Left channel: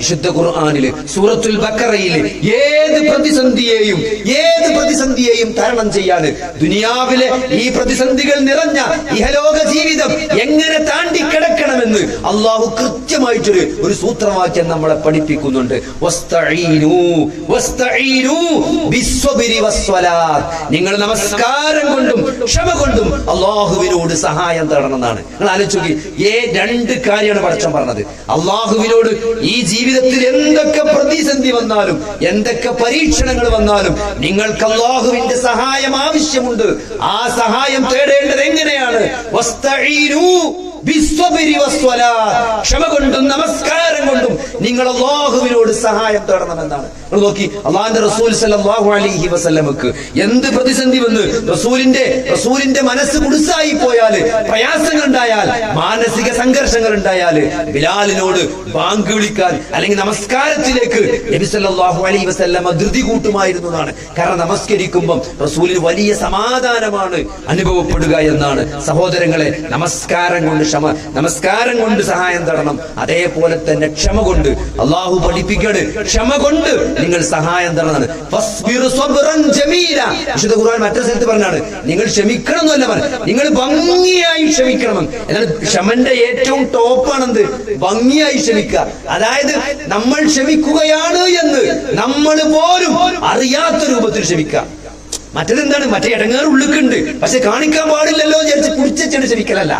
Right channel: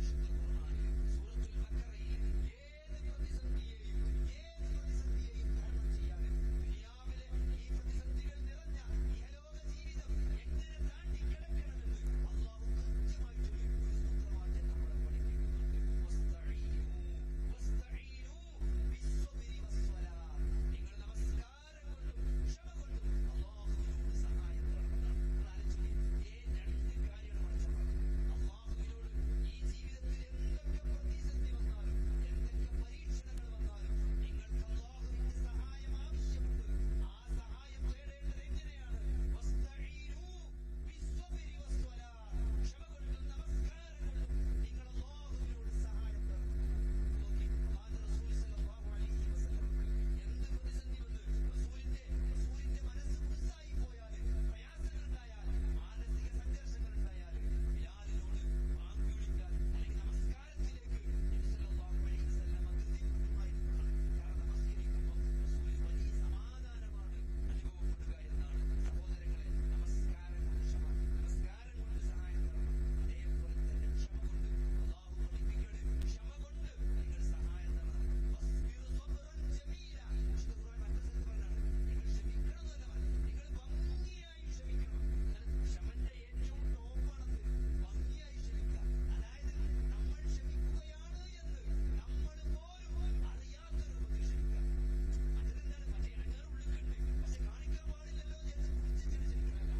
വിശുദ്ധ ഖുർആനില് സൂറത്തുൽ ബഖറയില് ഏത് പ്രതിസന്ധിയെയും തരണം ചെയ്യാൻ ദുനിയാവിലെ ഈ പ്രതിസന്ധികൾ നിറഞ്ഞ ഇഹലോക ജീവിതം എങ്ങനെ താണ്ടിക്കിടക്കണമെന്ന് അള്ളാഹു കൃത്യമായിട്ടൊരു സൂത്രവാക്യം നമ്മളെ പഠിപ്പിക്കുന്നുണ്ട്. നിങ്ങൾ നമസ്കാരം കൊണ്ടും ക്ഷമ കൊണ്ടും അള്ളാഹുവിനോട് സഹായം തേടണം എന്നാണ്. നിങ്ങൾ ആലോചിച്ച് രണ്ട് കാര്യമാണ് പടച്ചോൻ പറഞ്ഞത്. അള്ളാഹുവിനോട് ഈ ജീവിതത്തിൽ എന്തൊക്കെ പ്രതിസന്ധി വന്നാലും എന്തൊക്കെ പരീക്ഷണങ്ങൾ വന്നാലും നിങ്ങൾക്ക് അല്ലാഹുവിന്റെ സഹായം ആവശ്യമുണ്ട്. ആ സഹായം തേടേണ്ടത് എങ്ങനെയാണ്? ക്ഷമ കൊണ്ടും നമസ്കാരം കൊണ്ടും നിങ്ങൾ അല്ലാഹുവിനോട് സഹായം തേടണമെന്നാണ്. നോക്കി, അള്ളാഹുവിന്റെ റസൂൽ സല്ലല്ലാഹു അലൈഹി വസല്ലമക്ക് എന്ത് പ്രതിസന്ധി വന്ന് റസൂലിന്റെ മനസ്സ് കുടുസായി പോയാല്, പ്രയാസങ്ങൾ ഉണ്ടായാൽ, മാനസിക സംഘർഷങ്ങൾ ഉണ്ടായാല് ബിലാലിനോട് ബാങ്ക് വിളിക്കാൻ അല്ലെങ്കിൽ നമസ്കാരത്തിലേക്ക് നബി സല്ലല്ലാഹു അലൈഹി വസല്ലമ ധൃതി കൂട്ടുമായിരുന്നു എന്നാണ്. കാരണം നമസ്കരിക്കുമ്പം റസൂലിന് വലിയ സമാധാനമാണ് അനുഭവപ്പെടുക എന്നാണ്. സഹോദരങ്ങളെ, നമസ്കാരം കൊണ്ട് സഹായം തേടണം. അതേപോലെ തന്നെ ക്ഷമ കൊണ്ട് അള്ളാഹു പഠിപ്പിക്കണ്. ക്ഷമ കൊണ്ട് നിങ്ങൾ സഹായം തേടണം. വിശുദ്ധ ഖുർആൻ മറ്റൊരു സ്ഥലത്ത് പറഞ്ഞാണ് നിങ്ങൾ ക്ഷമിക്കണം എന്നല്ല പറഞ്ഞത്, നിങ്ങൾ ഭംഗിയായി ക്ഷമിക്കണം. എന്നാൽ ക്ഷമന്റെ ഏറ്റവും ടോപ്പാണെന്ത്? ഭംഗിയായി ക്ഷമിക്കുക. അതായത് നമ്മൾ ക്ഷമിക്കുകയാണ് എന്ന് നമ്മൾ പോലും അറിയാത്ത രൂപത്തിൽ ക്ഷമിക്കുക. മറ്റേതെന്താണ്? മറ്റേ ഇടങ്ങേറ് ഉള്ളിക്കുണ്ട്, പക്ഷെ കാണിക്കാൻ പാടില്ലല്ലോ വിചാരിച്ച് കുടിച്ചിട്ട് ക്ഷമിക്കലല്ല.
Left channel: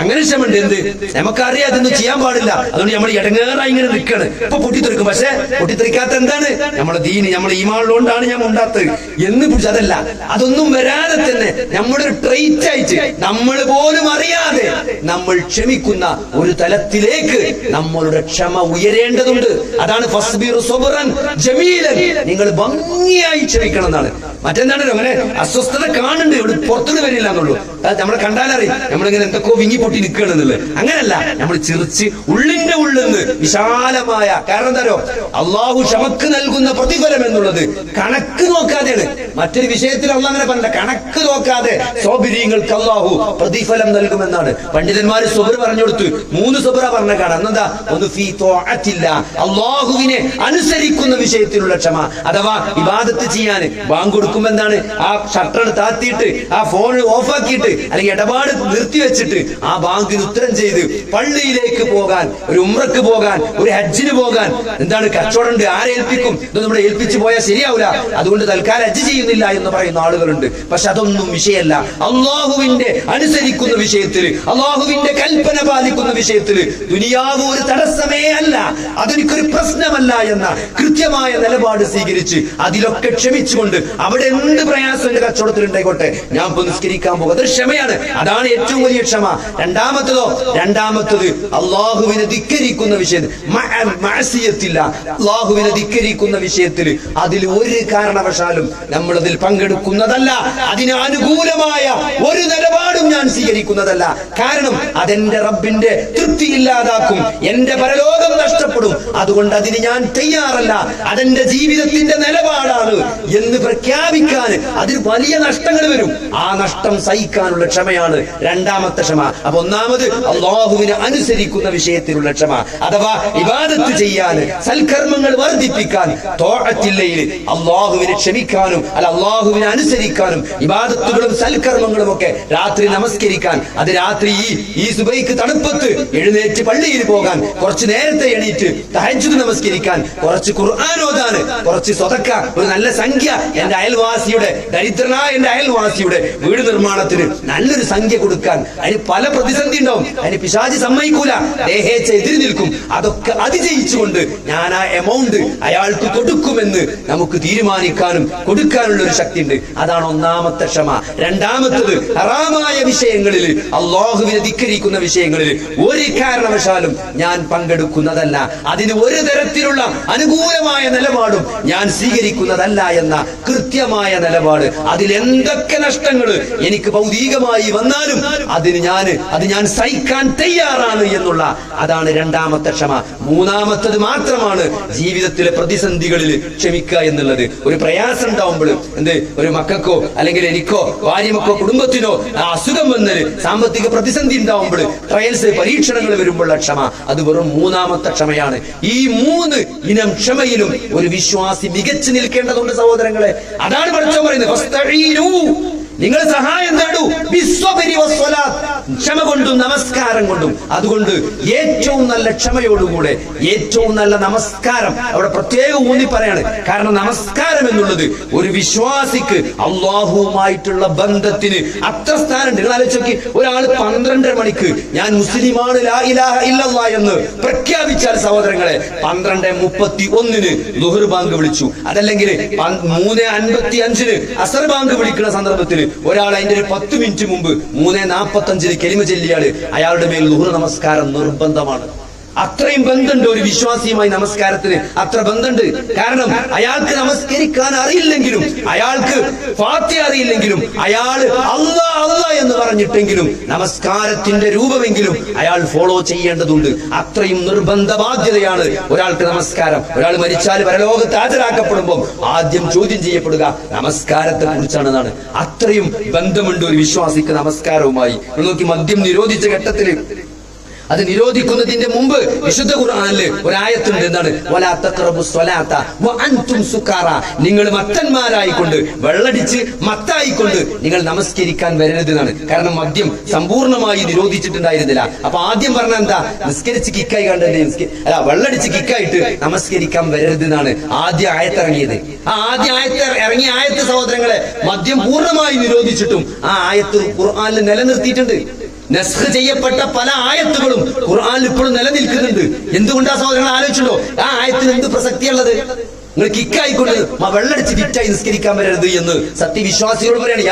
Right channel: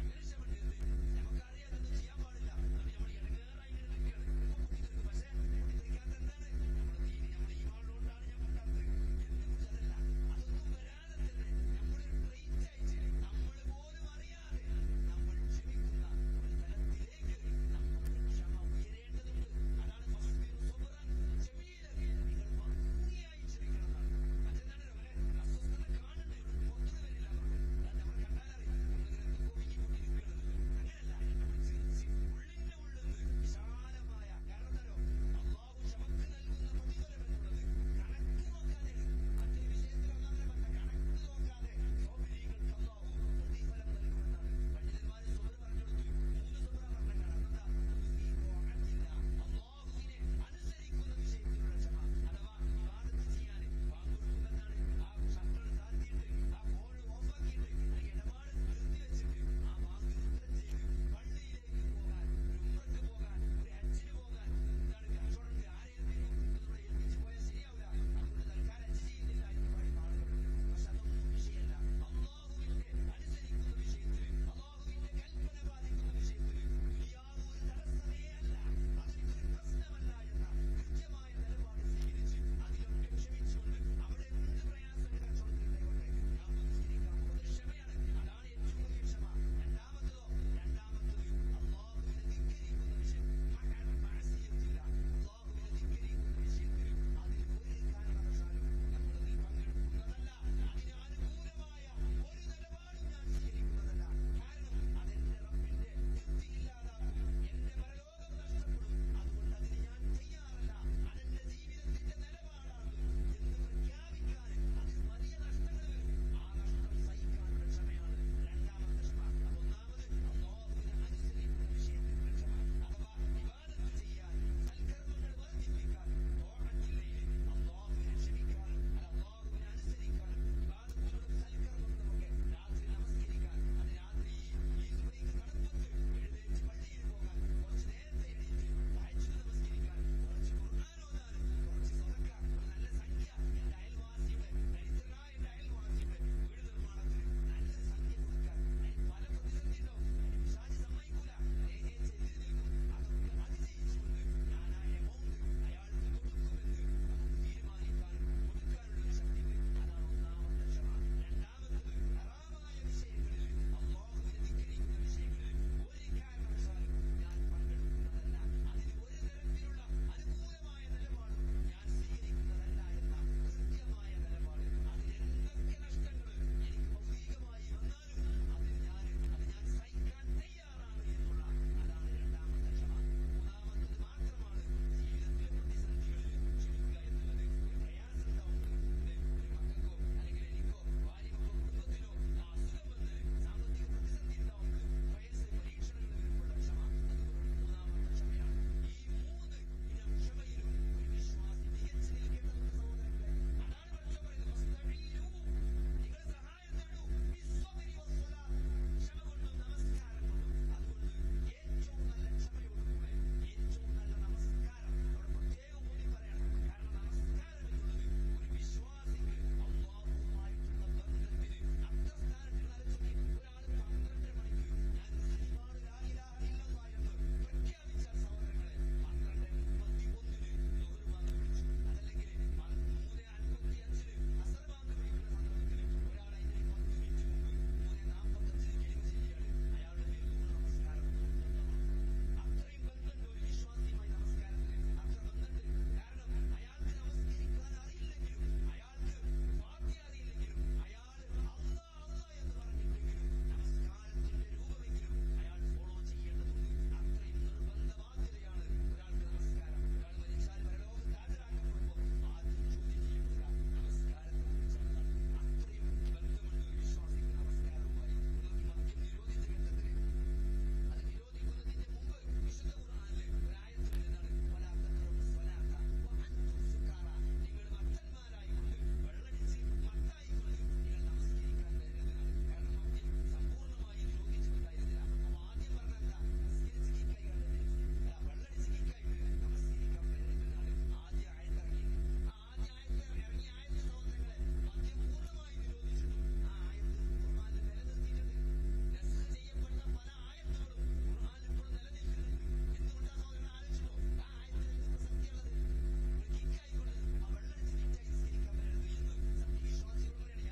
അങ്ങനെ ക്ഷമണ്ട്. എന്ത്? നമുക്കറിയാം അതൊന്നും ചെയ്യാൻ പാടില്ല, അതുകൊണ്ട് നമ്മൾ ഇടങ്ങേറായി ഇങ്ങനെ നിൽക്കാണ്. ഇപ്പൊ പൊട്ടിത്തെറിക്കും, പക്ഷെ പൊട്ടിത്തെറിക്കാത്ത എന്താണ്? നമ്മളെ ദീന്, നമ്മളെ ഈമാനുള്ളതുകൊണ്ടാണ് ഞാൻ ഉണ്ടാത്തത് എന്ന് പിടിച്ച് അതല്ല. അതൊന്നും വരാതെ തന്നെ നമ്മുടെ ഒരു ട്രെയിറ്റ് ആയിട്ട് നമ്മൾ പോലും അറിയാതെ നമ്മൾ ക്ഷമിക്കുന്ന ഒരു തലത്തിലേക്ക് നമ്മളുടെ ക്ഷമ ഉയരേണ്ടതുണ്ട്. അതാണ് ഫസ്ബിറു സബ്റൻ ജമീലൻ, നിങ്ങൾ ഭംഗിയായി ക്ഷമിക്കണം എന്നാണ്. മറ്റെന്താണ്? അങ്ങനെ അസ്വസ്ഥത കാണുന്നുണ്ട്, ഇവിടെ പുറത്തുനിന്ന് വരില്ല എന്നുള്ളൂ. നമ്മളെ കണ്ടാലറിയും നമ്മളിങ്ങനെ എന്തൊക്കെ വിങ്ങി പൊട്ടി നിൽക്കണെന്നുള്ളത്. അങ്ങനല്ല, നമ്മൾ ചിരിച്ച് ഉള്ളിന്റെ ഉള്ളിന്ന് വിശാലമായ. കാരണം എന്താ? അള്ളാഹു ക്ഷമക്ക് നൽകുന്ന പ്രതിഫലം എന്നുള്ളത് കണക്ക് നോക്കാതെയാണ്. മറ്റൊരു വിഷയത്തിൽ അള്ളാഹ് അങ്ങനെ പറഞ്ഞ കണക്ക് നോക്കാതെ സോബിരിങ്ങൾക്ക് അള്ളാഹു പ്രതിഫലം നൽകുമെന്നാണ്. പണ്ഡിതന്മാര് സുബ്ർ പറഞ്ഞു കൊടുത്തു. 3 സുബ്ര പറഞ്ഞ കാണാം. എന്താ? ഒന്ന് ഫീ ത്വാഅത്തില്ല, അള്ളാഹുവിനെ അനുസരിക്കുന്ന വിഷയത്തിലുള്ള ക്ഷമ. അഥവാ ഇബാദത്ത് ചെയ്യാൻ ബാങ്ക് കൊടുക്കുമ്പോ എന്താണ്? ആ ഷട്ടർ താത്തിയിട്ട് ആ ഫോൺ ഓഫാക്കിയിട്ട് അല്ലെങ്കിൽ ഇടപാട് നിർത്തിവെച്ചിട്ട് ആ ബാങ്കിന് ഉത്തരം ചെയ്ത് പള്ളിയിലേക്ക് പോകാൻ, ഒരു ഉംറക്ക് പോകാൻ, ഒരു ഹജ്ജിന് പോകാൻ എന്താണ് കച്ചവടം ഉണ്ട്, ആരെ ഏൽപ്പിക്കും? ഇതൊന്നും നമ്മുടെ ഏൽപ്പിച്ചു പോയാൽ ശരിയാവില്ല, അതുകൊണ്ട് തൽക്കാലം ഹജ്ജ് ചെയ്യുന്നില്ല എന്ന് പറയുന്ന ആളുകളുണ്ട്. പക്ഷെ അതൊന്നും വിഷയമല്ല. അള്ളാഹുവിന്റെ അനുസരിക്കുന്ന വിഷയത്തിൽ, അള്ളാഹുവിന്റെ കൽപ്പന പാലിക്കുന്ന വിഷയത്തിൽ ദുനിയാവ് ഒരു തടസ്സമേ അല്ല, അതെനിക്കൊരു പ്രശ്നമല്ല എന്ന കൃത്യമായ നിലപാട് സ്വീകരിച്ച് അതിലൊക്കെ ക്ഷമിച്ചുകൊണ്ട് അവിടെ എന്ത് പ്രയാസം എന്റെ കച്ചവടത്തിൽ ഉണ്ടായിക്കോട്ടെ, ഞാൻ ഇപ്പൊ നിസ്കരിക്കാൻ പോകും, അതൊരു ക്ഷമയാണ്. അതാണ് ഏറ്റവും വലിയ ക്ഷമ. രണ്ടാമത്തത് അള്ളാഹുവിനെ ധിക്കരിക്കുന്ന വിഷയത്തിൽ, അള്ളാഹുവിനെ ധിക്കരിക്കുന്ന വിഷയത്തിൽ അതിൽ ഒരു കാരണവശാലും നമ്മളതിൽ പങ്കെടുക്കുന്നതല്ല. അതിന് അനുകൂലമായ ഒരു നിലപാടും ഞാൻ സ്വീകരിക്കുന്നതല്ല. കാരണം അതെന്റെ റബ്ബിന്റെ തൃപ്തി ഇല്ലാതാക്കും, എന്റെ പരലോകം നഷ്ടപ്പെടും. അതുകൊണ്ട് അതിന് ഞാൻ തയ്യാറല്ല. അതെന്റെ ജീവിതത്തിന്റെ നിലപാടാണ് എന്ന് പ്രഖ്യാപിക്കാൻ അതിന് വലിയ നഷ്ടങ്ങൾ വരും. ആ നഷ്ടം സഹിക്കാനുള്ള ക്ഷമയാണ് രണ്ടാമത്തെ ക്ഷമ. അപ്പൊ ഒന്നാമത് അള്ളാഹുവിനെ അനുസരിക്കുന്ന വിഷയത്തിലുള്ള ക്ഷമ, അഥവാ ഇബാദത്ത് ചെയ്യാൻ, സൽക്കർമ്മങ്ങൾ വർദ്ധിപ്പിക്കാൻ, ത്വാഅത്തില്ലയിൽ അള്ളാഹുവിനെ ക്ഷമിക്കാനും അള്ളാഹുവിനെ അനുസരിക്കാനും, ഇബാദത്തുകളും സൽക്കർമ്മങ്ങളും ഒക്കെ രാത്രി നമസ്കരിക്കാൻ, അത് രാത്രി ഈ സുബൈക്ക് തണുപ്പത്ത് എഴുന്നേറ്റ് പള്ളിയിൽ പോകാൻ, കുറച്ച് നേരത്തെ എണീറ്റ് തഹജ്ജുദ് നമസ്കരിക്കാൻ, കുറച്ച് ഖുർആൻ ഓതാൻ, കുറച്ച് സ്വതക്ക, ഒരു നല്ല സംഖ്യ എന്റെ അയൽവാസിയുടെ, ദരിദ്രനായ എന്റെ അയൽവാസിയുടെ വീട് നിർമ്മാണത്തിന് നല്ലൊരു സംഖ്യ കൊടുക്കാൻ. അതിന് പല പ്രതിസന്ധി ഉണ്ടാവും, അതിന് പിശാചി സമ്മതിക്കൂല, ദേഹേച്ഛ എതിര് നിൽക്കും. അതൊക്കെ അതിജയിച്ചുകൊണ്ട് ഞാൻ ആ എമൗണ്ട് അയാൾക്ക് കൊടുക്കുമെന്ന് നമുക്ക് തീരുമാനിക്കാനും കൊടുക്കാനുള്ള ഒരു ശക്തി ഉണ്ട്. അതാണ് ഒന്നാമത്തെ ക്ഷമ. രണ്ടാമത്തത് ഹറാമായ വിഷയങ്ങളിൽ, അള്ളാഹുവിനെ ധിക്കരിക്കുന്ന വിഷയങ്ങളിൽ ഒരു കാരണവശാലും ഞാൻ പങ്കെടുക്കുന്നതല്ല, അതിന് ഒരു തരത്തിലുള്ള അനുകൂലമായ നിലപാടും ഞാൻ സ്വീകരിക്കുന്നതല്ല എന്ന കൃത്യമായ നിലപാട്. അതിൽ എന്തൊക്കെ നഷ്ടങ്ങൾ എനിക്ക് ഭൗതികമായി വന്നാലും അതിന് ഞാൻ അത് ഞാൻ സഹിക്കാൻ തയ്യാറാണ് എന്നുള്ള അതാണ് രണ്ടാമത്തെ ക്ഷമ. മൂന്നാമത്തത് മാത്രമാണ് ജീവിതത്തിലെ പ്രതിസന്ധികളിൽ ക്ഷമിക്കുക എന്നുള്ളത്. ഒരു പ്രയാസം ഉണ്ടാവുമ്പോൾ ഒരു മക്കൾക്കോ അല്ലെങ്കിൽ എനിക്കോ ഭാര്യമക്കോ കുടുംബത്തിനോ അസുഖം വന്നതിന് സാമ്പത്തിക പ്രതിസന്ധി ഉണ്ടാവുമ്പോൾ ട്രയൽസ് പരീക്ഷണങ്ങൾ വരുമ്പോഴുള്ള ക്ഷമ അത് വെറും മൂന്നാമത്തെ ക്ഷമയാണ്. ഈ 3 ഇനം ക്ഷമയിലും ഒരു വിശ്വാസി മികച്ചു നിൽക്കേണ്ടതുണ്ട് സഹോദരങ്ങളെ. അതാണ് പഠിച്ചോ പറയുന്നത്, നിങ്ങൾ സഹായം തേടൂ ക്ഷമ കൊണ്ടും നമസ്കാരം കൊണ്ടും. അതുകൊണ്ട് ഏറ്റവും നല്ല ക്ഷമയോടുകൂടെ ഏറ്റവും നല്ല നമസ്കാരം അവിടെ പ്രത്യേകം ഊന്നി പറയാണ്. കാരണം നമസ്കാരം എന്നുള്ളത് ഒരു വിശ്വാസിക്ക് അള്ളാഹുവുമായിട്ടുള്ള ബന്ധത്തിന് അത്ര സ്ഥാനമുണ്ട്. നിങ്ങൾ ആലോചിച്ച് നോക്കി, ഒരാൾ 12:30 മണിക്ക് ഞാൻ മുസ്ലിമാണ് ലാ ഇലാഹ ഇല്ലല്ലാഹ് എന്ന് പ്രഖ്യാപിച്ചാൽ സഹോദരങ്ങളെ 12:31 ളുഹർ ബാങ്ക് വിളിച്ചു, അതല്ലെങ്കിൽ 3:55 അസർ ബാങ്ക് വിളിക്കുന്ന സന്ദർഭത്തിൽ ഒരാൾ അതിന്റെ ഒരു 10 മിനിറ്റ് മുമ്പ് 3:45 കലിമ ചൊല്ലിയാല് അയാളുടെ മേൽ ളുഹർ നമസ്കാരം നിർബന്ധമാണ്. അത്രയും ബന്ധമുണ്ട് ഒരു വിശ്വാസിയുമായി നമസ്കാരത്തിന്, അത്ര ബന്ധമുണ്ട്. കാരണം അയാൾക്ക് നമസ്കരിക്കാൻ അറിയില്ലെങ്കിലും, അയാൾക്ക് ഫാത്തിഹ അറിയില്ലെങ്കിലും, അയാൾ അല്ലാ അല്ലാ എന്ന് പറഞ്ഞിട്ടെങ്കിലും നമസ്കാരത്തിന്റെ രൂപമെങ്കിലും അയാൾ ഫോളോ ചെയ്യേണ്ടതുണ്ട്. അത്രയും നിർബന്ധ ബാധ്യതയാണ് ഒരാൾക്ക് നമസ്കാരം. ഒരാൾ മരിച്ചാൽ പരലോകത്ത് ഹാജരാക്കപ്പെടുമ്പോൾ ആദ്യം ചോദ്യം ചെയ്യപ്പെടുക നമസ്കാരത്തെ കുറിച്ചാണെന്നാണ്. അത്രയും ബന്ധമുണ്ട് ഒരു വിശ്വാസിക്ക് നമസ്കാരവുമായി. നോക്കി, മദ്യം നിരോധിച്ച ഘട്ടത്തിൽ അത് നിരോധിക്കുന്നതിന്റെ മുമ്പ് വിശുദ്ധ ഖുർആനിൽ ഒരായത്തുണ്ട്. എന്താണ്? വലാ തഖറബുസ് സ്വലാത്ത വഅൻതും സുകാറ. നിങ്ങൾ മത്തന്മാരായിക്കൊണ്ട്, വെള്ളടിച്ച് മത്തായിക്കൊണ്ട് നിങ്ങൾ നമസ്കരിക്കാൻ വരരുത് എന്നാണ്. കാരണം മദ്യം സമ്പൂർണ്ണമായി നിരോധിച്ചിട്ടുണ്ടായിരുന്നില്ല. അപ്പൊ ആദ്യം പറഞ്ഞ എന്താ? നിസ്കരിച്ച് കിക്കായി കണ്ടത്, വെള്ളടിച്ച് കിക്കായിട്ട് നമസ്കരിക്കാൻ വരരുത് എന്നാണ് ആദ്യ ആയത്ത് ഇറങ്ങിയത്. ആ ആദ്യ ആയത്ത് ഇറങ്ങിയ ആയത്ത് സഹോദരങ്ങളെ മദ്യം പൂർണ്ണമായി നിരോധിച്ചിട്ടും ആ ആയത്ത് ഖുർആനിൽ നിലനിർത്തിയിട്ടുണ്ട്. നസ്ഖ് ചെയ്യപ്പെട്ട പല ആയത്തുകളും ഖുർആനിൽ ഇപ്പോഴും നിലനിൽക്കുന്നുണ്ട്. എന്തുകൊണ്ടാ സഹോദരങ്ങൾ ആലോചിച്ചല്ലോ? ആ ആയത്തിന് എന്ത് പ്രസക്തിയുള്ളത്? നിങ്ങൾ കിക്കായിക്കൊണ്ട് വെള്ളടിച്ച് കിറ്റായി നിസ്കരിക്കാൻ വരരുത് എന്ന് സത്യവിശ്വാസികളോട് പറയാണ്.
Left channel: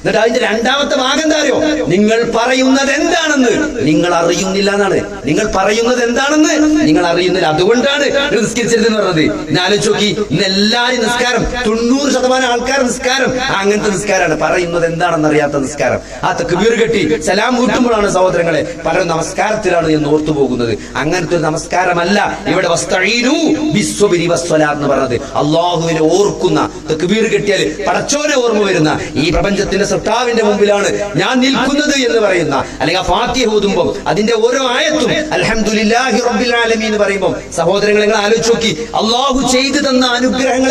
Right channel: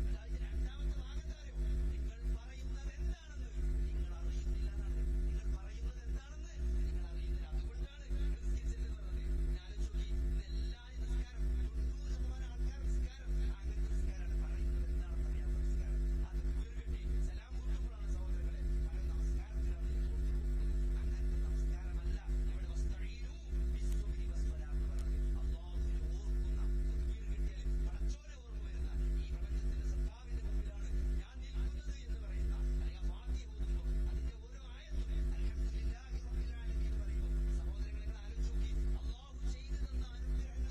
എന്നിട്ട് അതിന്റെ രണ്ടാമത്തെ ഭാഗം എന്താ അറിയോ? നിങ്ങൾ പറയുന്നത് എന്താണെന്ന് നിങ്ങൾ അറിയുന്നില്ല എന്നാണ്. നിങ്ങൾ പറയുന്നത് എന്താണെന്ന് നിങ്ങൾ അറിയുന്നില്ല, അതുകൊണ്ടാണ് നിസ്കരിച്ചതെന്ന് പറഞ്ഞത്. ഇന്ന് ആലോചിച്ച് നോക്കി, ഇന്ന് എല്ലാരും നിസ്കാരം 90% ആൾക്കാർ നിസ്കാരം അങ്ങനത്തെ നിസ്കാരമാണ്. പറയുന്നത് എന്താണെന്ന് അറിയാത്ത നിസ്കാരം. ആ തക്ബീർ കെട്ടി സലാം വീട്ടുമ്പോഴാണ് സഹോദരങ്ങളെ പലരും നമസ്കാരത്തിലാണ് എന്ന് ഓർത്തു പോകുന്നത്. അങ്ങനത്തെ ഒരു നമസ്കാരമല്ല ഇവിടെ വസ്തഈനു ബിസ്സബ്രി വസ്സലാത്ത് എന്ന് പറഞ്ഞത്. അല്ലാഹുവിനെ ഓർക്കുന്ന, തക്ബീർ കെട്ടിയാൽ പടച്ചോനെ ഓർമ്മ വരുന്ന, ഈ പ്രപഞ്ചത്തിന്റെ സൃഷ്ടാവിന്റെ മുമ്പിലാണ് ഞാൻ നിൽക്കുന്നത് എന്ന് പറയുന്ന, അല്ലെങ്കിൽ ഫാത്തിഹ ഓതുമ്പോൾ അതിന്റെ ഓരോ ആയത്തും അൽഹംദുലില്ലാഹി റബ്ബിൽ ആലമീൻ എന്ന് പറയുമ്പോൾ സഹോദരങ്ങളെ നിങ്ങൾ ആലോചിച്ച് നോക്കി, അല്ലാഹു ചെയ്തു തന്ന അനുഗ്രഹങ്ങൾ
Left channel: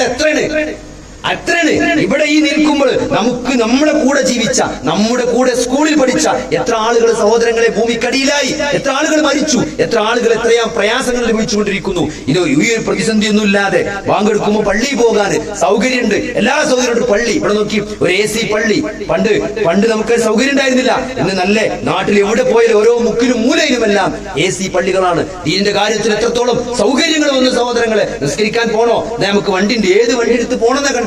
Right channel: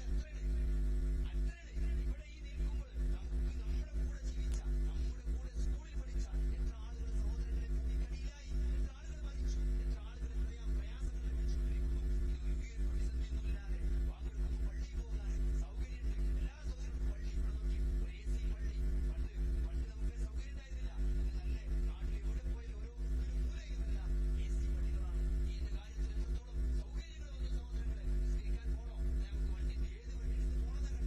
എത്രയാണ്. ഇവിടെ ഈ നിൽക്കുമ്പോൾ നമുക്ക് നമ്മുടെ കൂടെ ജീവിച്ച, നമ്മുടെ കൂടെ സ്കൂളിൽ പഠിച്ച എത്ര ആളുകൾ സഹോദരങ്ങളെ ഭൂമിക്കടിയിലായി, എത്ര ആളുകൾ മരിച്ചു, എത്ര ആളുകൾ എത്രയാ പ്രയാസങ്ങൾ ലഭിച്ചുകൊണ്ടിരിക്കുന്നു. ഇത് ഈ ഒരു പ്രതിസന്ധിയൊന്നും ഇല്ലാതെ വാങ്കെടുക്കുമ്പോൾ പള്ളിയിൽ പോകാൻ സൗകര്യമുണ്ട്, എല്ലാ സൗകര്യമുണ്ട്. പള്ളി ഇവിടെ നോക്കി, ഒരു AC പള്ളി. പണ്ട് നമുക്ക് സൗകര്യം ഉണ്ടായിരുന്നില്ല. ഇന്ന് നല്ല നാട്ടിൽ എവിടെ പോയാലും ഓരോ മുക്കിലും മൂലയിലുമെല്ലാം AC പള്ളികളാണ്. ഇതിന്റെ കാര്യത്തിൽ എത്രത്തോളം സൗകര്യങ്ങൾ വന്നു സഹോദരങ്ങളെ. നിസ്കരിക്കാൻ പോണോ, നമുക്ക് വണ്ടിണ്ട്, ഏത് വണ്ടി എടുത്ത് പോണെന്ന കൺഫ്യൂഷൻ.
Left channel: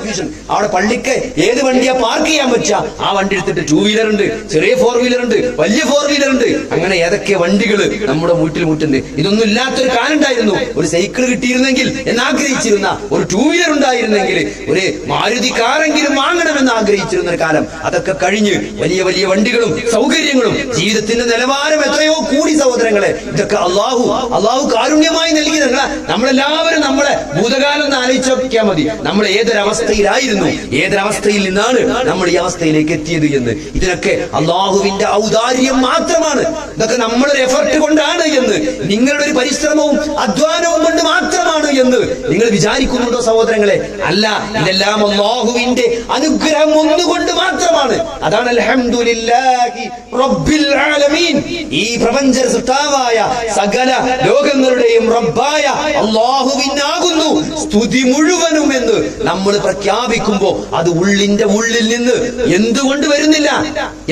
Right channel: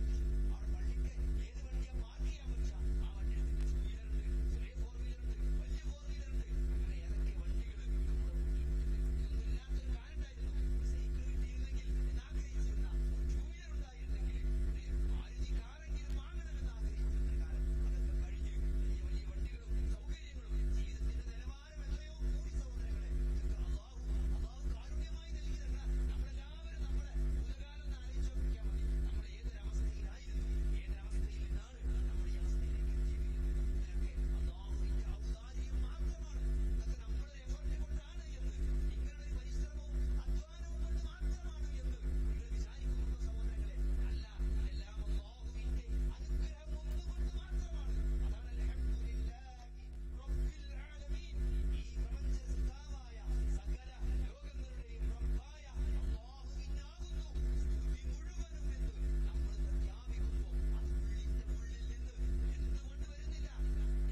അവിടെ പള്ളിക്ക് ഏത് വണ്ടിയാ പാർക്ക് ചെയ്യാൻ പറ്റുക ആ വണ്ടി എടുത്തിട്ട് 2 വീലർ ഉണ്ട്, ചെറിയ 4 വീലർ ഉണ്ട്, വലിയ 4 വീലർ ഉണ്ട്. അങ്ങനെ ഏതൊക്കെ വണ്ടികൾ നമ്മുടെ വീട്ടിൽ മുറ്റുണ്ട്. ഇതൊന്നും ഇല്ലാത്തൊരു കാലം ഉണ്ടായിരുന്നു. ഒരു സൈക്കിൾ കിട്ടിയിരുന്നെങ്കിൽ എന്നാഗ്രഹിച്ചിരുന്ന, ഒരു 2 വീലർ ഉണ്ടായിരുന്നെങ്കിൽ, ഒരു മാരുതി കാറെങ്കിലും വാങ്ങണമെന്ന് ആഗ്രഹിച്ചിരുന്ന ഒരു കാലം. അതൊക്കെ കഴിഞ്ഞ് വലിയ വലിയ വണ്ടികളും സൗകര്യങ്ങളും, ജീവിതത്തിന്റെ നിലവാരം എത്രയോ കൂടി സഹോദരങ്ങളെ. ഇതൊക്കെ അള്ളാഹു കാരുണ്യമായി നൽകിയതല്ല. നമ്മളെല്ലാവരും നമ്മളെ ഭൂതകാലം ഒന്ന് ആലോചിച്ച് നോക്കിയാൽ മതി. നമ്മൾ ഏതൊരവസ്ഥയിലായിരുന്നു, ഏതൊരവസ്ഥയിൽ നിന്നാണ് നമ്മൾ ഈ അവസ്ഥയിലേക്ക് എത്തിയത് എന്ന്. ഇതിനൊക്കെ അള്ളാഹുവിന്റെ ഔദാര്യം മാത്രമാണ്. ഇതൊക്കെ നമ്മളൊരു എഫർട്ട് കൊണ്ടാണ് എന്ന്, നിങ്ങളുടെ ഒരു പരിശ്രമവും അധ്വാനവും കൊണ്ട് മാത്രമാണ് എന്ന് നിങ്ങൾ വിചാരിക്കുന്നുണ്ടോ സഹോദരങ്ങളെ? അല്ല, ഇതെല്ലാം അള്ളാഹുവിന്റെ അനുഗ്രഹം ഒന്നുകൊണ്ട് മാത്രമാണ്. അതാണ് അൽഹംദുലില്ലാഹി റബ്ബിൽ ആലമീൻ. ഈ പ്രപഞ്ച സൃഷ്ടാവായ സകല ലോകങ്ങളുടെയും റബ്ബായ അള്ളാഹുവിനാകുന്നു സ്തുതി മുഴുവനും എന്ന് നമ്മൾ പ്രഖ്യാപിക്കുമ്പോ അത് ഉള്ളിന്റെ ഉള്ളിൽ നിന്ന് എന്തുകൊണ്ട് വരുന്നില്ല?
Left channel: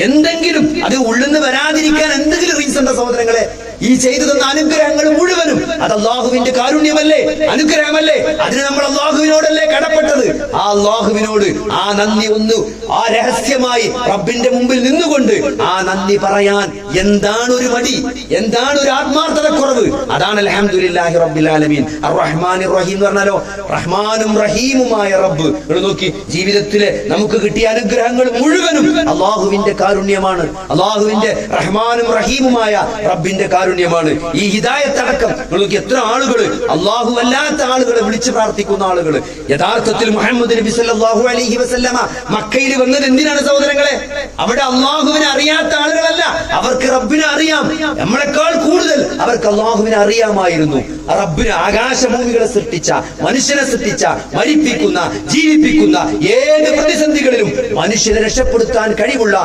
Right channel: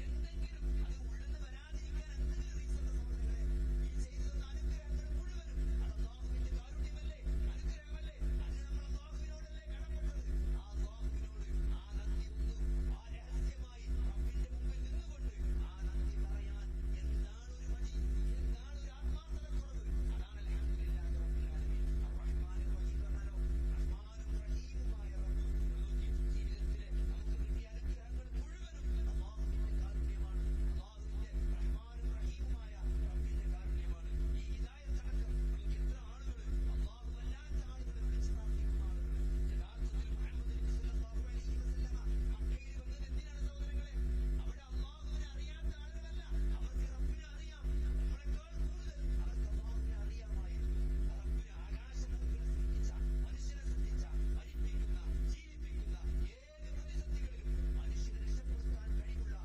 എന്തെങ്കിലും അത് ഉള്ളിൽ നിന്ന് വരാതിരിക്കാൻ എന്തെങ്കിലും റീസൺ ഉണ്ടോ സഹോദരങ്ങളെ? ഈ ചെയ്തു തന്ന അനുഗ്രഹങ്ങൾ മുഴുവനും അത് അള്ളാഹുവിന്റെ കാരുണ്യമല്ലേ, അനുഗ്രഹമല്ലേ? അതിന് നമ്മൾ അള്ളാഹുവിനോടല്ലേ കടപ്പെട്ടത്? ആ അള്ളാഹുവിനോട് ആ നന്ദി ഒന്ന് ആ രഹസ്യമായി റബ്ബിന്റെ മുമ്പിൽ നിന്നുകൊണ്ട് ആ നന്ദി പറയാൻ എന്താണ് ഒരു മടി, എന്താണ് ഒരു ആത്മാർത്ഥതക്കുറവ്? അതാണ് അൽഹംദുലില്ലാഹി റബ്ബിൽ ആലമീൻ അർറഹ്മാനിർ റഹീം എന്ന് പറഞ്ഞാലോ, റഹ്മാനും റഹീമുമായ റബ്ബ്. നോക്കി, ജീവിതത്തിലെ നമുക്ക് കിട്ടിയ അനുഗ്രഹങ്ങൾ മുഴുവനും അള്ളാഹുവിന്റെ കാരുണ്യമാണ്, അള്ളാഹുവിന്റെ റഹ്മാനും റഹീമുമായ റബ്ബിന്റെ കാരുണ്യമാണ്. ഈ ഹിദായത്ത് അടക്കം നോക്കി, എത്ര ആളുകൾ അള്ളാഹു അല്ലാത്ത ആളുകളെ വിളിച്ച് പ്രാർത്ഥിക്കുന്ന ആളുകൾ. യഥാർത്ഥത്തിൽ മുഹമ്മദ് നബി സല്ലല്ലാഹു അലൈഹി വസല്ലമ മക്കയിൽ വന്നത് എന്തിനാണ് സഹോദരങ്ങളെ? അവിടെ അള്ളാഹുവിനെ അറിയാത്ത ആളുകളല്ല, അവർക്ക് റബ്ബിനെ അറിയാം. നമ്മളെക്കാൾ കൂടുതൽ അവർക്ക് അള്ളാഹുവിനെ അറിയാമായിരുന്നു. റബ്ബിന് ആകാശഭൂമികളെ സൃഷ്ടിച്ച, മനുഷ്യനെ സൃഷ്ടിച്ച, മരിപ്പിക്കുന്ന, ജീവിപ്പിക്കുന്ന, ഏത് പ്രതിസന്ധികളിലും മനുഷ്യനെ രക്ഷപ്പെടുത്താൻ കഴിവുള്ള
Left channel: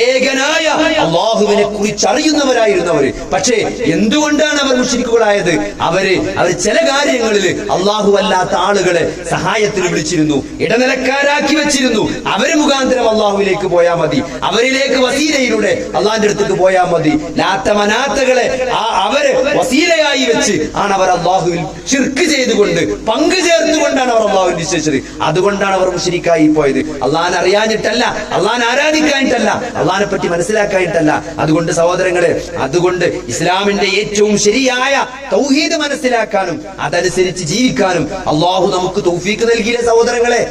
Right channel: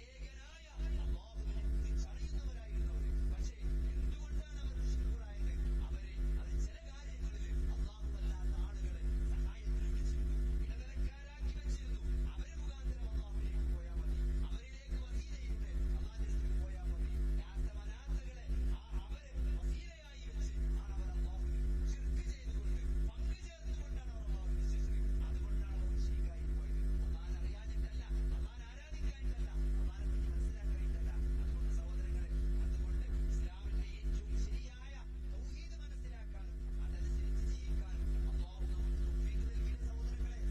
ഏകനായ അള്ളാഹുവിനെ കുറിച്ച് അറിയുന്നവരായിരുന്നു അവര്. പക്ഷേ എന്തുകൊണ്ടാണ് അവർ മുശ്രിക്കുകളായത്? അവര് ചില കാര്യങ്ങളിൽ അള്ളാഹു അല്ലാത്ത ആളുകളെ സഹായത്തിന് വിളിച്ചിരുന്നു, ഇടനിലക്കാരാക്കി വെച്ചിരുന്നു. അവര് മുഖാന്തരം അള്ളാഹുവിലേക്ക് പോയാൽ മതി, അവരിലേക്ക് വസീലയിലൂടെ അള്ളാഹിന്റെ അടുത്തേക്ക് പോയാൽ മതി. ലാത്ത മനാത്തകളെ അവര് വസീലയായി വെച്ച് ആണ് അവർ അള്ളാഹുവിൽ ശിർക്ക് ചെയ്തുകൊണ്ട്, പങ്കു ചേർത്തുകൊണ്ടാണ് അവർ അള്ളാഹുവിൽ വിശ്വസിച്ചത്. അതുകൊണ്ടാണ് അവർ മുശ്രിക്കായി പോയത്. അള്ളാഹിനെ അറിയാഞ്ഞിട്ടല്ല, അള്ളാഹിനെ ആരാധിക്കാനിട്ടല്ല, അള്ളാഹിനെ പറ്റി മനസ്സിലാക്കാനിട്ടല്ല. അതുകൊണ്ട് സഹോദരങ്ങളെ, അതുകൊണ്ട് ഇസ്ലാമിന്റെ ഏറ്റവും ശരിയായ തൗഹീദ് മനസ്സിലാക്കാനും അതനുസരിച്ച് ജീവിക്കാനും അള്ളാഹു നമുക്ക് തൗഫീക്ക് നൽകിയില്ലേ സഹോദരങ്ങളെ?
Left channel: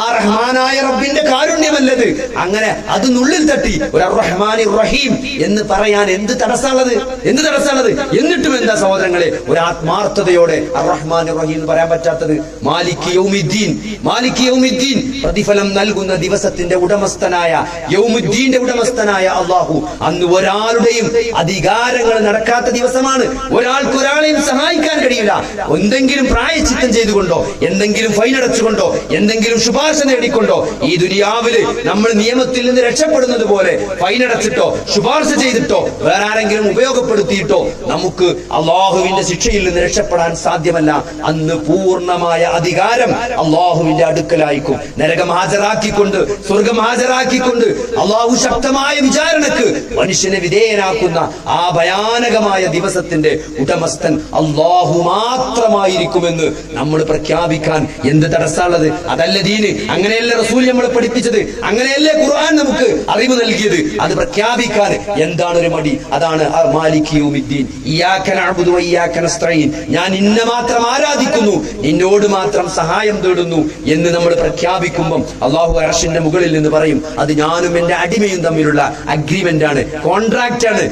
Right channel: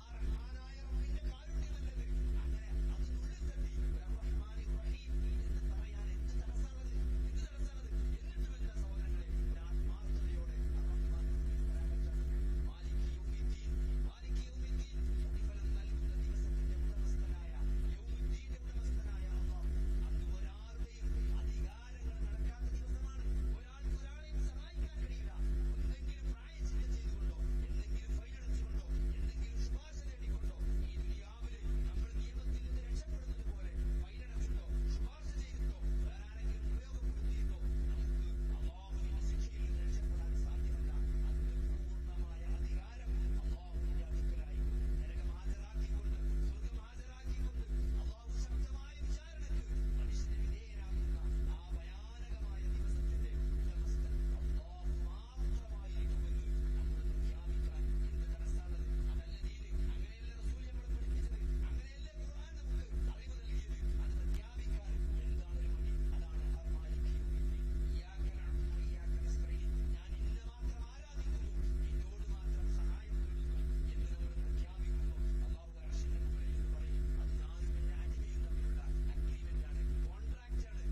ആ റഹ്മാനായ റബ്ബിന്റെ കാരുണ്യമല്ലത്. അങ്ങനെ അത് നുള്ളിൽ തട്ടി ഒരു റഹ്മാനിർ റഹീം എന്ന് പറയാൻ എന്ത് തടസ്സമുള്ളത്? എന്ത് തടസ്സമുള്ളത്? എന്നിട്ടും എന്താ സഹോദരങ്ങളെ ഒരു ആത്മാർത്ഥതയോടെ റഹ്മാനിർ റഹീം എന്ന് പറയാൻ പറ്റാത്തത്? മാലിക് യൗമിദ്ദീൻ, മാലിക് യൗമിദ്ദീൻ, പ്രതിഫലം നൽകുന്ന ദിവസത്തിന്റെ ഉടമസ്ഥനായ, യൗമുദ്ദീന്റെ ഉടമസ്ഥനായ അള്ളാഹു. അന്ന് ഒരാളുടെയും അധികാരങ്ങൾ നടക്കാത്ത ദിവസമാണ്. ഒരാൾക്ക് ഒരാളെയും സഹായിക്കാൻ കഴിയില്ല. എന്തെങ്കിലും പ്രായശ്ചിത്തം ചെയ്തുകൊണ്ടോ, എന്തെങ്കിലും ഫൈൻ അടച്ചുകൊണ്ടോ, എന്തെങ്കിലും ശുപാർശ നേടിക്കൊണ്ടോ ഈ ദുനിയാവില് നമ്മൾ നിയമത്തിൽ നിന്ന് രക്ഷപ്പെടുന്നത് പോലെ ഫൈൻ അടച്ചിട്ടോ, ശുപാർശ ചെയ്തിട്ടോ, വേറെ ആരെങ്കിലും ഉപയോഗപ്പെടുത്തിയിട്ടോ നമുക്ക് അള്ളാഹുവിന്റെ ശിക്ഷയിൽ നിന്ന് രക്ഷപ്പെടാൻ സാധ്യമല്ല. അന്ന് പൂർണ്ണമായ അധികാരം അള്ളാഹുവിന്റെ അടുക്കലായിരിക്കും. നരകം ഹാജരാക്കിക്കൊണ്ട്, സ്വർഗം ഹാജരാക്കിക്കൊണ്ട് അള്ളാഹു ശക്തമായ വിചാരണക്ക് മനുഷ്യനെ വിധേയനാക്കുന്ന ആ ഭയാനകമായ ദിവസത്തിന്റെ ഉടമസ്ഥൻ അള്ളാഹു മാത്രമായിരിക്കുമെന്ന് നമ്മൾ പ്രഖ്യാപിക്കാൻ എന്ത് തടസ്സമുള്ളത്? അതല്ല ദീന്, അങ്ങനെയല്ല റസൂൽ നമ്മളെ പഠിപ്പിച്ചത്, അങ്ങനെയല്ലേ ഖുർആൻ നമുക്ക് അറിവ് നൽകിയത്. അത് പ്രഖ്യാപിക്കാൻ എന്താണ് ഒരു മടി? അതാണ് മാലിക് യൗമിദ്ദീൻ, ഇയ്യാക നഅ്ബുദു വ ഇയ്യാക നസ്തഈൻ, ഞാൻ നിന്നെ മാത്രം ആരാധിക്കുന്നു, നിന്നോട് മാത്രം സഹായം തേടുന്നു എന്ന് നമ്മൾ പ്രഖ്യാപിക്കുമ്പോൾ അള്ളാഹു അർശിന്റെ മുകളിൽ നിന്ന് പറയും, അത് ഞാനും എന്റെ അടിമയും തമ്മിലുള്ള അഗ്രിമെന്റ് ആണ്, കോൺട്രാക്ട് ആണ്,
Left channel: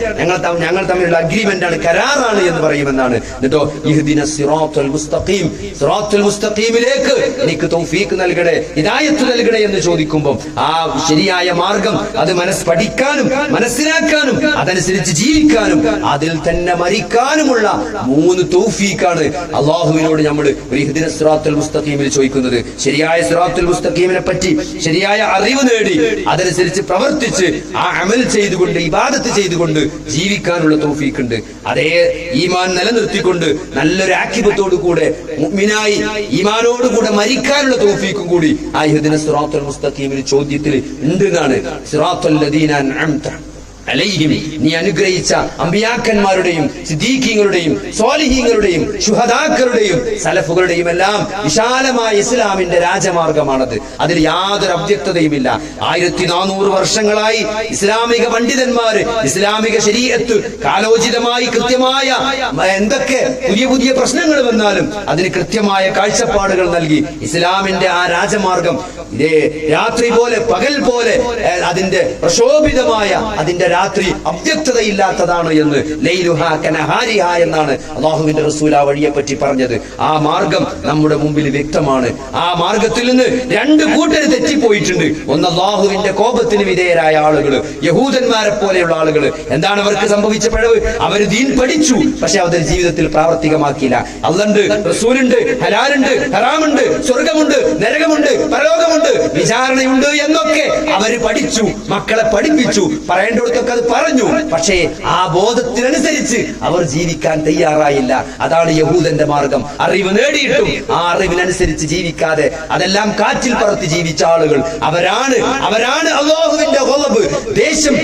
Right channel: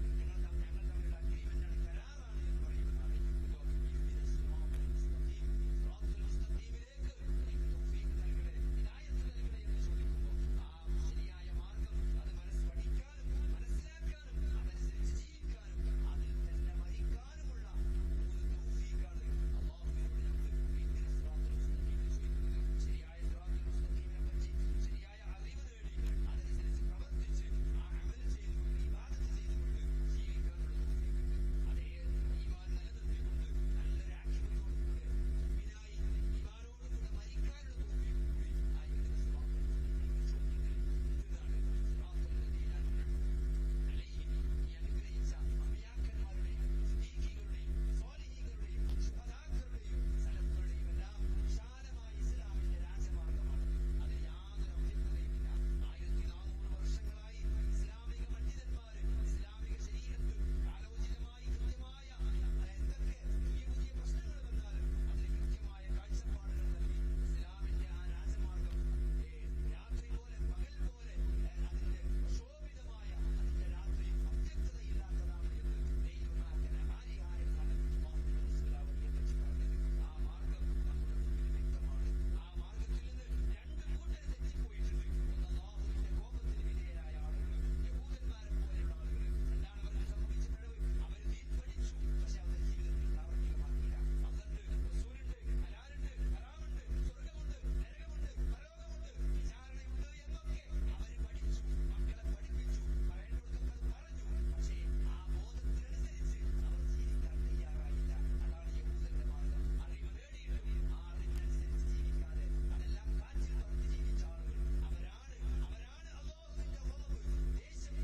ഞങ്ങൾ തമ്മിലുള്ള അഗ്രിമെന്റ് ആണ്, കരാറാണ് എന്ന് പറയുമെന്നാണ്. എന്നിട്ടോ ഇഹ്ദിനസ് സിറാത്തുൽ മുസ്തഖീം, സിറാത്തുൽ മുസ്തഖീമിലേക്ക് എനിക്ക് തൗഫീഖ് നൽകണേ, ഹിദായത്ത് നൽകണേ എന്ന് ചോദിക്കുമ്പോൾ ആ ശരിയായ മാർഗം അത് പഠിക്കാനും മനസ്സിലാക്കാനും അതനുസരിച്ച് ജീവിക്കാനും അതിൽ തന്നെ മരിക്കാനുമുള്ള 3 തൗഫീഖാണ് അള്ളാഹുവിനോട് നമ്മൾ ഇഹ്ദിനസ് സിറാത്തുൽ മുസ്തഖീമിൽ ചോദിക്കുന്നത്. ശരിയായ സിറാത്തുൽ മുസ്തഖീമിനെ പറ്റി ശരിയായ അറിവ് നേടി അതനുസരിച്ച് പ്രവർത്തിച്ച് ആ അമൽ ചെയ്തുകൊണ്ട്, ഇബാദത്ത് ചെയ്തുകൊണ്ട് ജീവിക്കാനുള്ള തൗഫീഖ് ഉണ്ട്. അതേ ഈമാൻ നിലനിർത്തിക്കൊണ്ട് നല്ലൊരു ആഖിബത്തോടു കൂടെ മുഅ്മിനായി ഈമാനോടുകൂടെ മരിക്കാനുള്ള തൗഫീഖും കൂടി ആ ഇഹ്ദിനസ് സിറാത്തുൽ മുസ്തഖീമിൽ ചോദ്യത്തിൽ ഉണ്ട് എന്നാണ്. സിറാത്തുൽ ലദീന അൻഅംത അലൈഹിം, നീ അനുഗ്രഹിച്ച അമ്പിയാക്കന്മാരുടെയും സിദ്ദീഖീങ്ങളുടെയും സ്വാലിഹീങ്ങളുടെയും ശുഹദാക്കളുടെയും സലഫുകളുടെയും എല്ലാം വിശാലമായ ഇസ്ലാമിന്റെ രാജമാർഗമാണത്. അതിൽ യാതൊരു അവ്യക്തതയുമില്ല. 1400 വർഷങ്ങളായി ഇസ്ലാമിക പണ്ഡിതന്മാര് ഇസ്ലാമിക ശരീഅത്ത് കാലോചിതമായി കൃത്യമായ എന്തൊക്കെ പുതിയ പുതിയ പ്രശ്നങ്ങൾ വന്നാലും അതിന് കൃത്യമായ കാഴ്ചപ്പാടുകൾ നൽകി ഇസ്ലാമിന്റെ ആ രാജമാർഗം ഇതേ രാത്രി പോലെ പകൽ പോലെ അതിന്റെ പ്രക്ഷോഭിതമായ അതിന്റെ രാത്രി അവ്യക്തതയില്ലാത്തതാണ് എന്ന് ലൈലുഹാ കനഹാരിഹാ എന്നാണ് അല്ലാഹുവിന്റെ റസൂൽ ആ വഴിയെ പറ്റി പറഞ്ഞത്. ആ മാർഗം നമ്മുടെ മുമ്പിൽ വ്യക്തമാണ്. ആ മാർഗത്തിൽ നിന്ന് 2 കൂട്ടർ തെറ്റിപ്പോയിട്ടുണ്ട്. ഒന്ന് അല്ലാഹുവിന്റെ കോപത്തിന് വിധേയരായ ആളുകൾ, യഹൂദന്മാരെ പോലെയുള്ള ആളുകൾ. എന്താണ് അവർക്ക് സംഭവിച്ച പിഴവ്? അവർ ദീൻ പഠിച്ചു, പക്ഷെ അവർ ജീവിതത്തിൽ പ്രാവർത്തികമാക്കിയില്ല. അല്ലാഹുണ്ട്, റസൂലുണ്ട്, ഹലാലുണ്ട്, ഹറാമുണ്ട്, സ്വർഗമുണ്ട്, നരകമുണ്ട്, പരലോകമുണ്ട്, വിചാരണയുണ്ട് എന്നൊക്കെ അവർ പഠിച്ചു, മക്കളെ പഠിപ്പിച്ചു, പറയേണ്ടടുത്ത് നബിയൊക്കെ അത് പറഞ്ഞു. പക്ഷേ ആ ബോധത്തിനനുസരിച്ച് അവർ ജീവിക്കാൻ തയ്യാറായില്ല. അതാണ് യഹൂദന്റെ മാർഗം. അറിവ് നേടിയിട്ടും ആ അറിവിനനുസരിച്ച് ജീവിക്കാതെ അതെല്ലാം കാറ്റിൽ പറത്തി ജീവിച്ച ആളുകൾ അവരാണ് അല്ലാഹുവിന്റെ ഗളബ്, ദേശം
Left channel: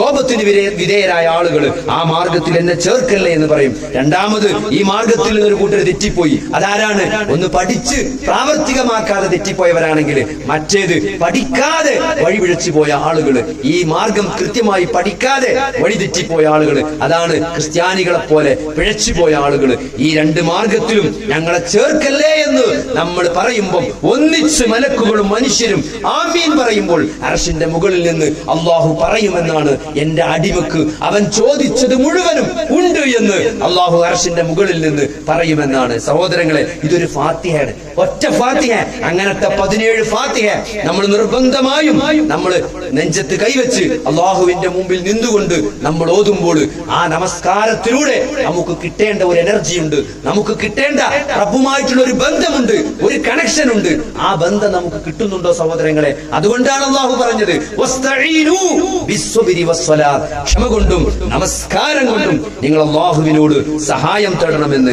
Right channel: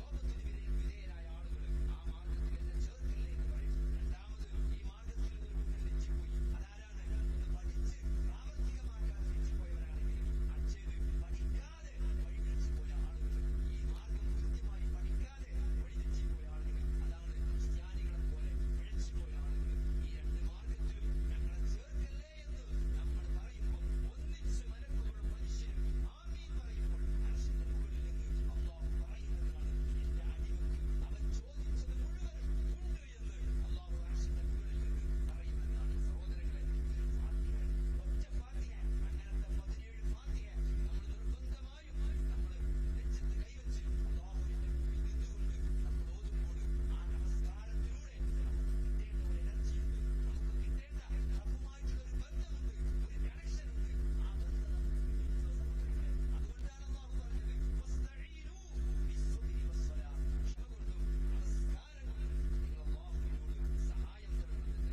കോപത്തിന് വിധേയരായ ആളുകൾ. ആ മാർഗത്തിൽ എന്നെ ചേർക്കല്ലേ എന്ന് പറയും. രണ്ടാമത് ഈ മാർഗത്തിൽ നിന്നൊരു കൂട്ടർ തെറ്റിപ്പോയി. അതാരാണ്? ഒന്ന് പഠിച്ച് പ്രാവർത്തികമാക്കാതെ തെറ്റിപ്പോയവരാണെങ്കിൽ, മറ്റേത് പഠിക്കാതെ വഴിപിഴച്ചു പോയ ആളുകൾ, ഈ മാർഗം കൃത്യമായി പഠിക്കാതെ വഴി തെറ്റിപ്പോയ ആളുകൾ, അതാണ് ക്രിസ്ത്യാനികളെ പോലെ പിഴച്ചുപോയ ആളുകൾ. ഈ രണ്ട് മാർഗത്തിലും ഞങ്ങളെ ചേർക്കല്ലേ എന്ന് നമ്മൾ പറയുമ്പോൾ ഒന്നിച്ച് മലക്കുകളും മനുഷ്യരും ആമീൻ പറയുമ്പോൾ അർശിന്റെ മുകളിൽ നിന്ന് അള്ളാഹു പറയുമെന്നാണ്, എന്റെ അടിമക്ക് അവൻ ചോദിച്ചത് മുഴുവനും ഉണ്ട് എന്ന് അള്ളാഹു അർശിന്റെ മുകളിൽ നിന്ന് പറയുമെന്നാണ്. സഹോദരങ്ങളെ, ഇതൊരു ഫാത്തിഹയാണ്, ഒറ്റ ഫാത്തിഹ. അങ്ങനത്തെ 17 ഫാത്തിഹ നമ്മൾ നിർബന്ധമായും നമ്മൾ നെഞ്ചത്ത് കൈവച്ച് അള്ളാഹുവിന്റെ മുമ്പിൽ നിന്നുകൊണ്ട് നമ്മൾ ഓതുമ്പോൾ ആ നമസ്കാരത്തിലൂടെ നമുക്ക് കിട്ടേണ്ട ഒരു എനർജി ഉണ്ട്, നമുക്ക് കിട്ടേണ്ട റബ്ബുമായിട്ടുള്ള ഒരു ബന്ധമുണ്ട്, ഒരു കണക്ഷൻ ഉണ്ട്. ആ ബന്ധം നമുക്ക് കിട്ടുന്നുണ്ടോ സഹോദരങ്ങളെ? അതുകൊണ്ടാണ് അള്ളാഹു പറഞ്ഞത് വസ്തഈനു ബിസ്സുബ്രി വസ്സലാത്ത്, ക്ഷമ കൊണ്ടും നമസ്കാരം കൊണ്ടും നിങ്ങൾ അള്ളാഹുവിനോട് സഹായം തേടണമെന്ന്.